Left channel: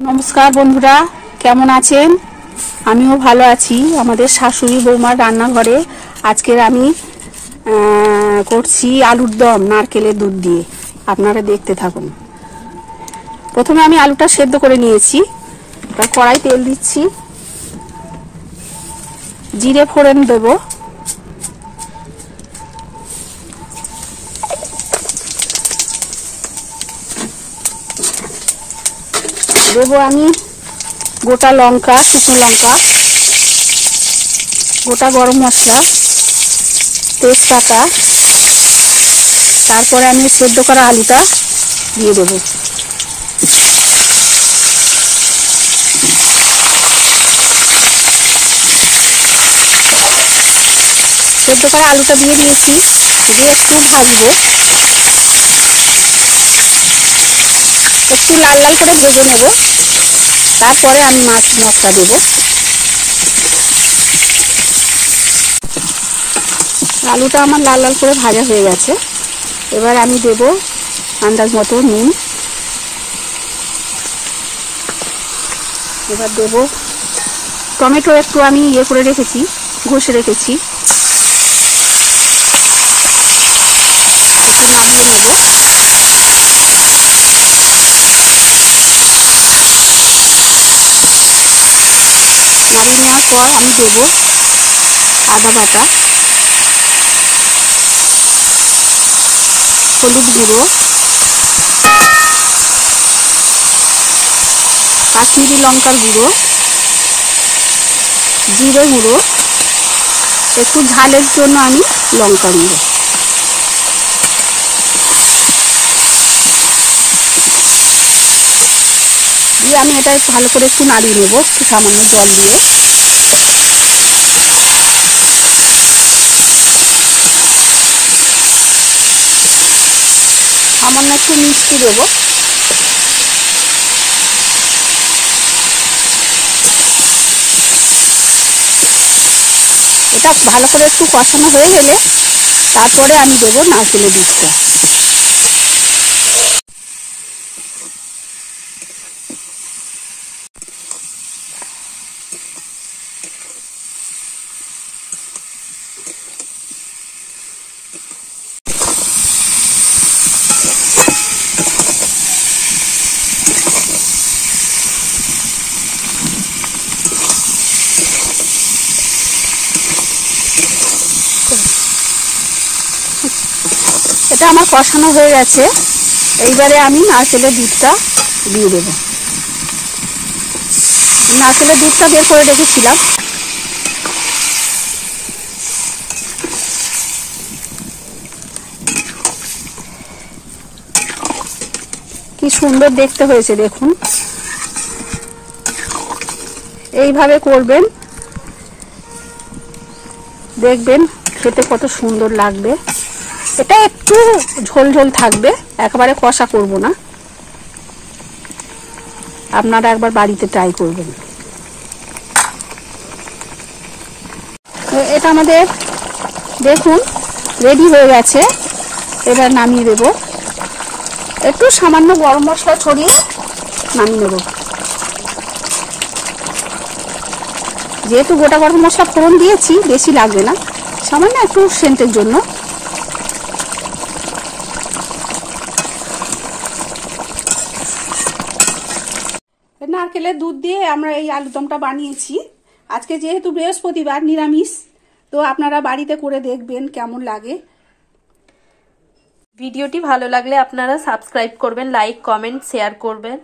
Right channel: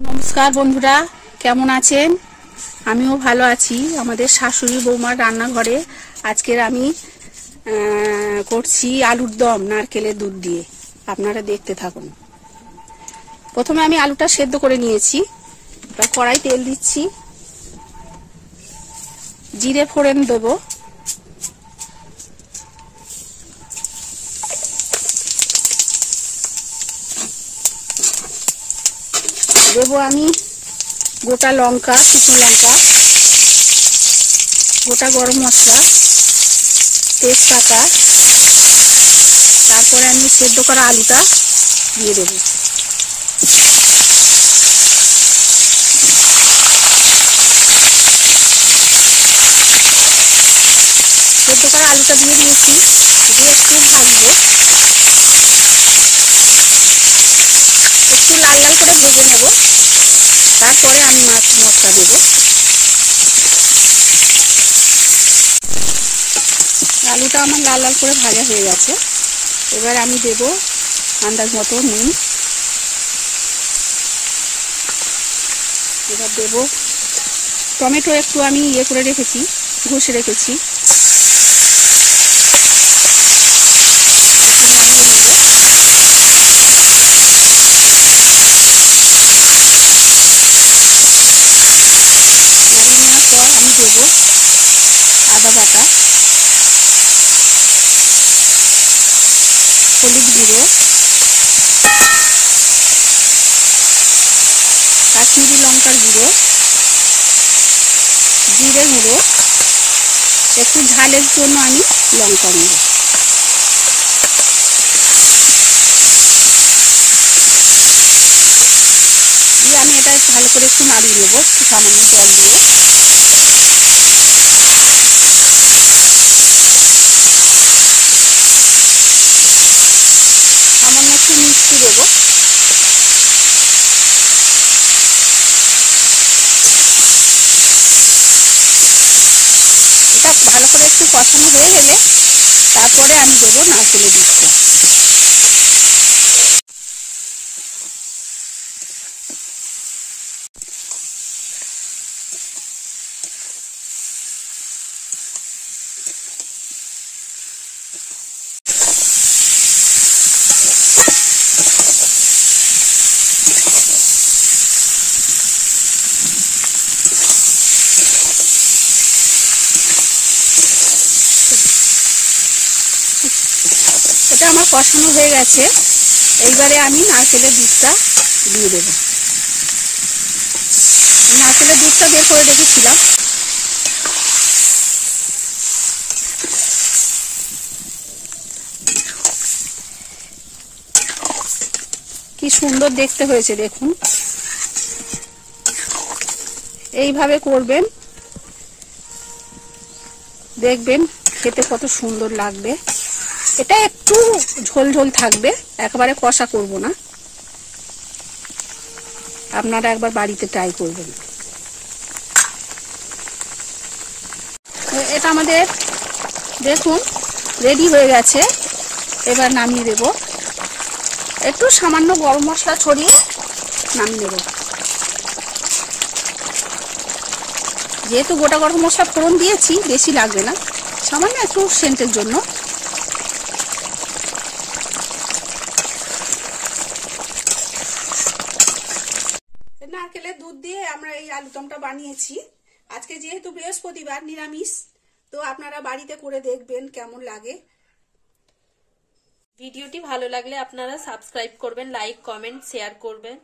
নমস্কার বন্ধুরা, কেমন আছেন? আমিও ভালো আছি। আমাদের শাশুড়ি বৌমার রান্নাঘরে আজকের আমি করছি আলুর দম নারকেলের দুধ দিয়ে। আপনারা দেখতে থাকুন। প্রথমে আমি আলুটা সেদ্ধ করে নিয়েছি। তার কড়াই তেল দিচ্ছি, জিরে ফোড়ন দেব, দেবো আমি গোটা লঙ্কা, শুকনো লঙ্কা, গোটা গরম মশলা, তেজপাতা, তারপরে আমি সেদ্ধ করা আলুটা দিয়ে দেবো। সেদ্ধ করা আলুটা দিয়ে দিয়েছি, দিয়ে একটু ভাজবো, একটু লাল লাল করে ভেজে নেব। তারপরে আমি মাছ মশলা দেব। আলুটা আমার লাল লাল করে ভাজা হয়ে গেছে। এবার আমি দেব আন্দাজ মতো নুন। এবার দেব টমেটো, একটু আমি করে রেখেছি, ঘষে রেখেছি, একটু নামিয়ে নেব। নাড়িয়ে নেওয়ার পর আমি দেব আদা বাটা, হলুদ গুঁড়ো, কাশ্মীরি লঙ্কার গুঁড়ো, জিরে গুঁড়ো, একটু ঝালের জন্য আমি লঙ্কা গুঁড়ো। দিয়ে আমি এটা ভালো করে একটু নাড়িয়ে নেব, একটু সামান্য জল দিয়ে। সামান্য একটু মিষ্টি দেব। এটা ভালো করে একটু কষানো হয়ে গেলে তারপরে আমি দেবো নারকেলের দুধটা। এটা আমার কষানো হয়ে গেছে। এইবারে আমি নারকেলের দুধটা দিয়ে দেব। নারকেলের দুধটা বের করে রেখেছিলাম। কি সুন্দর দেখতে হয়েছে দেখুন। এইভাবে করবেন, দেখবেন খেতে কত সুন্দর লাগবে। এটা একটু ঝোল ঝোল থাকবে, একেবারে কষা করব না। আপনারা একবার বাড়িতে ট্রাই করবেন। এটা আমাদের দেখুন রেডি হয়ে গেছে। এবার নামিয়ে দেব। একটু সামান্য গরম মশলা ছড়িয়ে নামিয়ে নেব। যেহেতু গোটা গরম মশলা ফোড়ন দিয়েছি, বেশি লাগবে না, সামান্য একটু সেন্টের জন্য। নারকেলের দুধ দিয়ে আমরা এই আলুদমটা বানিয়েছি। আজকে যেহেতু বৃহস্পতিবার, নিরামিষ, তো আপনারা বাড়িতে করে দেখবেন কেমন লাগে। ভিডিওটি ভালো লাগলে আপনারা সাবস্ক্রাইব করবেন, লাইক, কমেন্ট, শেয়ার করবেন।